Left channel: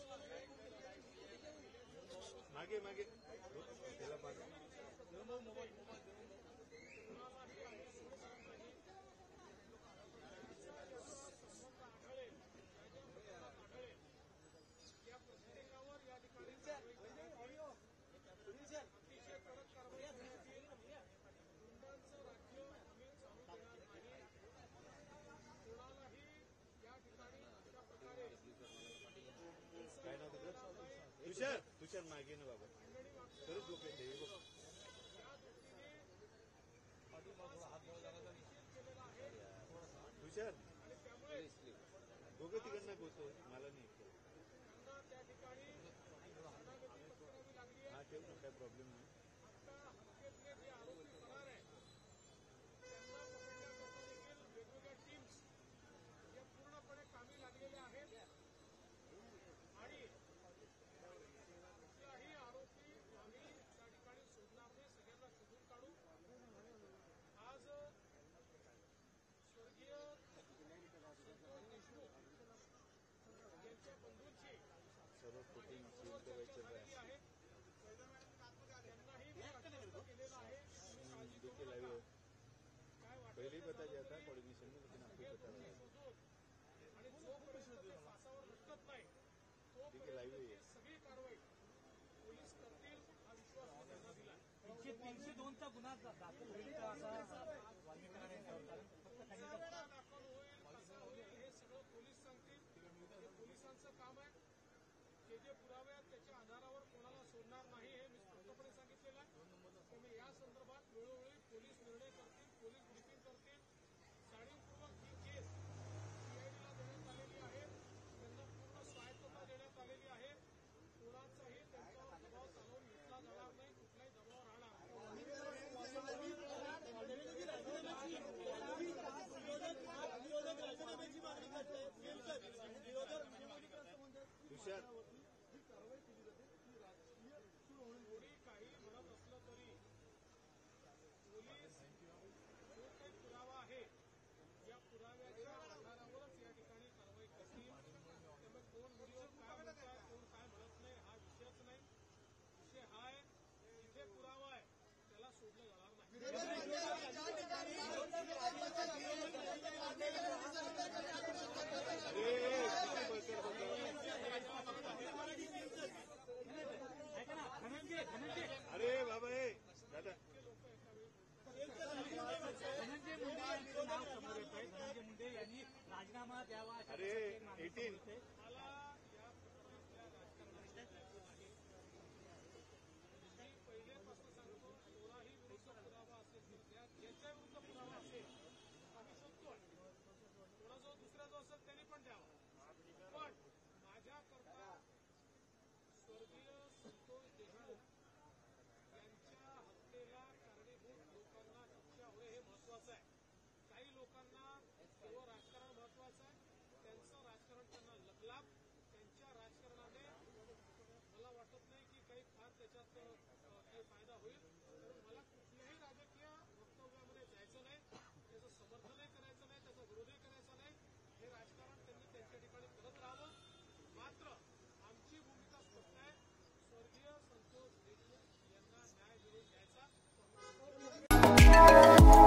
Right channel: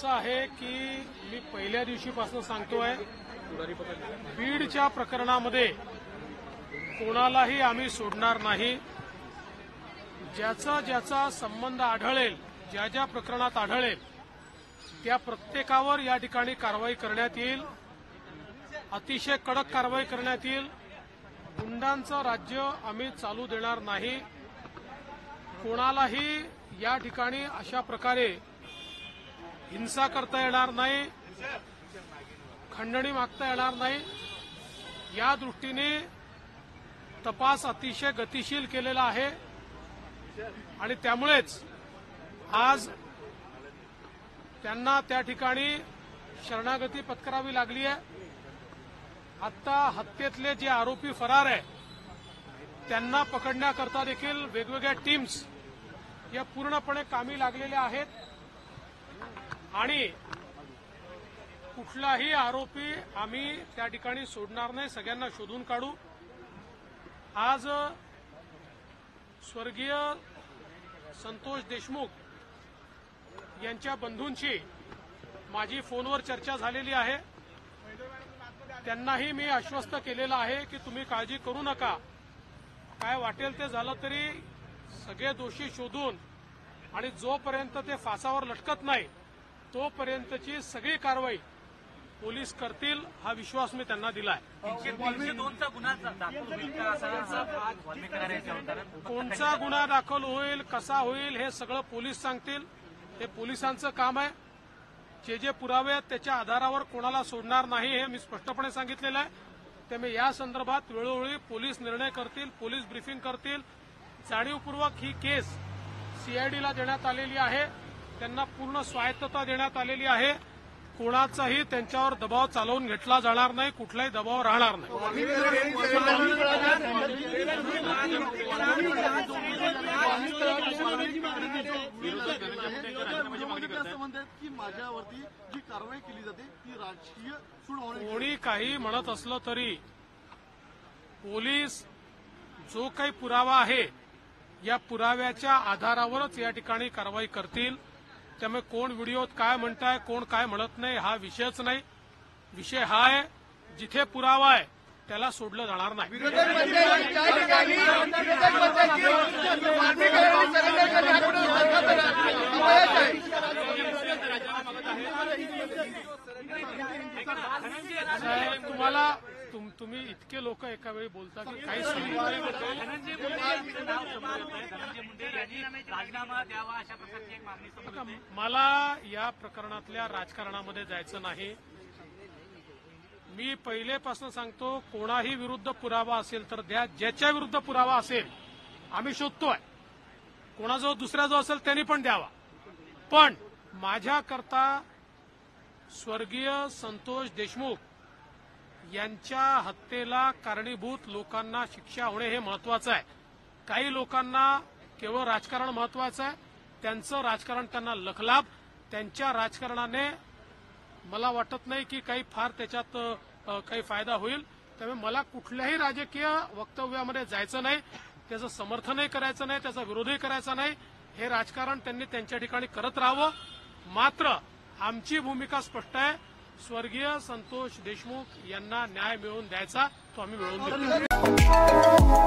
असं आहे की मी पहिल्या दिवशीपासून सांगतोय, बीडच्या प्रकरणामध्ये कोणालाही आम्ही सोडणार नाही. ज्याचा ज्याचा संबंध आढळेल, ज्या ज्या प्रकरणात आढळेल त्या प्रत्येकावर या ठिकाणी कारवाई करण्यात येईल. अतिशय कडक कारवाई करण्यात येईल. गुंडांचं राज्य आम्ही चालू देणार नाही. कोणालाही या ठिकाणी अशा प्रकारे हिंसा करता येणार नाही, खंडणी मागता येणार नाही. या दृष्टीने तपास अतिशय गतिशील केलेला आहे आणि त्यामुळेच आज त्यांना त्या ठिकाणी शरणागती पत्करावी लागली आहे. आता हत्येतले जे आरोपी फरार आहे त्यांना पकडण्याकरता देखील वेगवेगळ्या टीम्स या पूर्णपणे कामी लागलेल्या आहेत आणि कुठलाही आरोपी आम्ही त्या ठिकाणी सोडणार नाही. सगळ्यांना शोधून काढू. आज स्वर्गीय संतोष देशमुख यांच्या बंधूंची माझी फोनवर चर्चा झालेली आहे. त्यांनाही मी आश्वस्त केलेलं आहे की तुम्ही काळजी करू नका, काय वाटेल ते झालं तरी सगळे दोषी शोधून आणि जोपर्यंत ते फासावर लटकत नाही तोपर्यंतची सगळी कारवाई पोलीस करतील, हा विश्वास मी त्यांना दिलाय. कोणचा गुन्हा दाखल होईल, कसा होईल हे सगळं पोलीस सांगतील. हे पोलिसांचं काम आहे. जे जे पुरावे आहेत त्याच्या आधारावर कोणाला सोडणार नाही हे मी स्पष्टपणे सांगितलेलं आहे. त्यामुळे या संदर्भात वेळोवेळी पोलीस निर्णय करतील, पोलीस ब्रीफिंग करतील. जाणीवपूर्वक ही केस सीआयडीला देण्यात आलेली आहे. त्यांना पूर्ण स्वायत्तता देण्यात आलेली आहे. कोणाचाही त्यांच्यावर दबाव चालवून घेतला जाणार नाही, कुठलाही दबाव राहणार नाही. की माझ्यावरती जी कारवाई केली जाते ती राजकीय कोणी काही म्हणत असलं तरी पोलीस जो काही पुरावा आहे या पुराव्याच्या आधारावरच या ठिकाणी कारवाई करतील. त्यामुळे कोण व्हिडिओत काय म्हणताय, कोण काय म्हणत नाही हा विषयच नाही. विषय हा आहे जिथे पुरावा आहे त्याला सोडलं जाणार नाही. तुम्हाला तुम्ही इतके लोक एका वेळी बोलता की काही धनंजय मुंडे नाव समोर येत आहे. धनंजय मुंडे यांनी राजीनामा द्यावा अशा प्रकारची एक मागणी. मला या प्रकरणातल्या राजकारणामध्ये जायचं नाही. मी पहिलेपासून सांगतो, कोणाही विरुद्ध पुरावा असेल तर द्या. ज्याच्या विरुद्ध पुरावा असेल आम्ही शोधतोय. कोणाजवळ दुसऱ्या जो असेल त्यांनी पण द्यावा. पण माझ्याकरता स्वर्गीय संतोष देशमुख यांच्या हत्येला कारणीभूत लोकांना शिक्षा होणे हे महत्वाचं आहे. काही लोकांना केवळ राजकारण महत्वाचं आहे. त्यांचं राजकारण त्यांना लखलाभ. त्यांच्या राजकारणाने मला वाटत नाही की काही फार त्याच्यात काही फायदा होईल. त्यामुळे मला कुठल्याही राजकीय वक्तव्यामध्ये जायचं नाही. त्याचं समर्थनही करायचं नाही, त्याचा विरोधही करायचा नाही. हे राजकारण त्यांनी त्यांच्या ठिकाणी करत राहावं. मात्र आमची भूमिका स्पष्ट आहे. स्वर्गीय संतोष देशमुख यांना न्याय मिळवून द्यायचा, तो आम्ही मिळवून देऊ.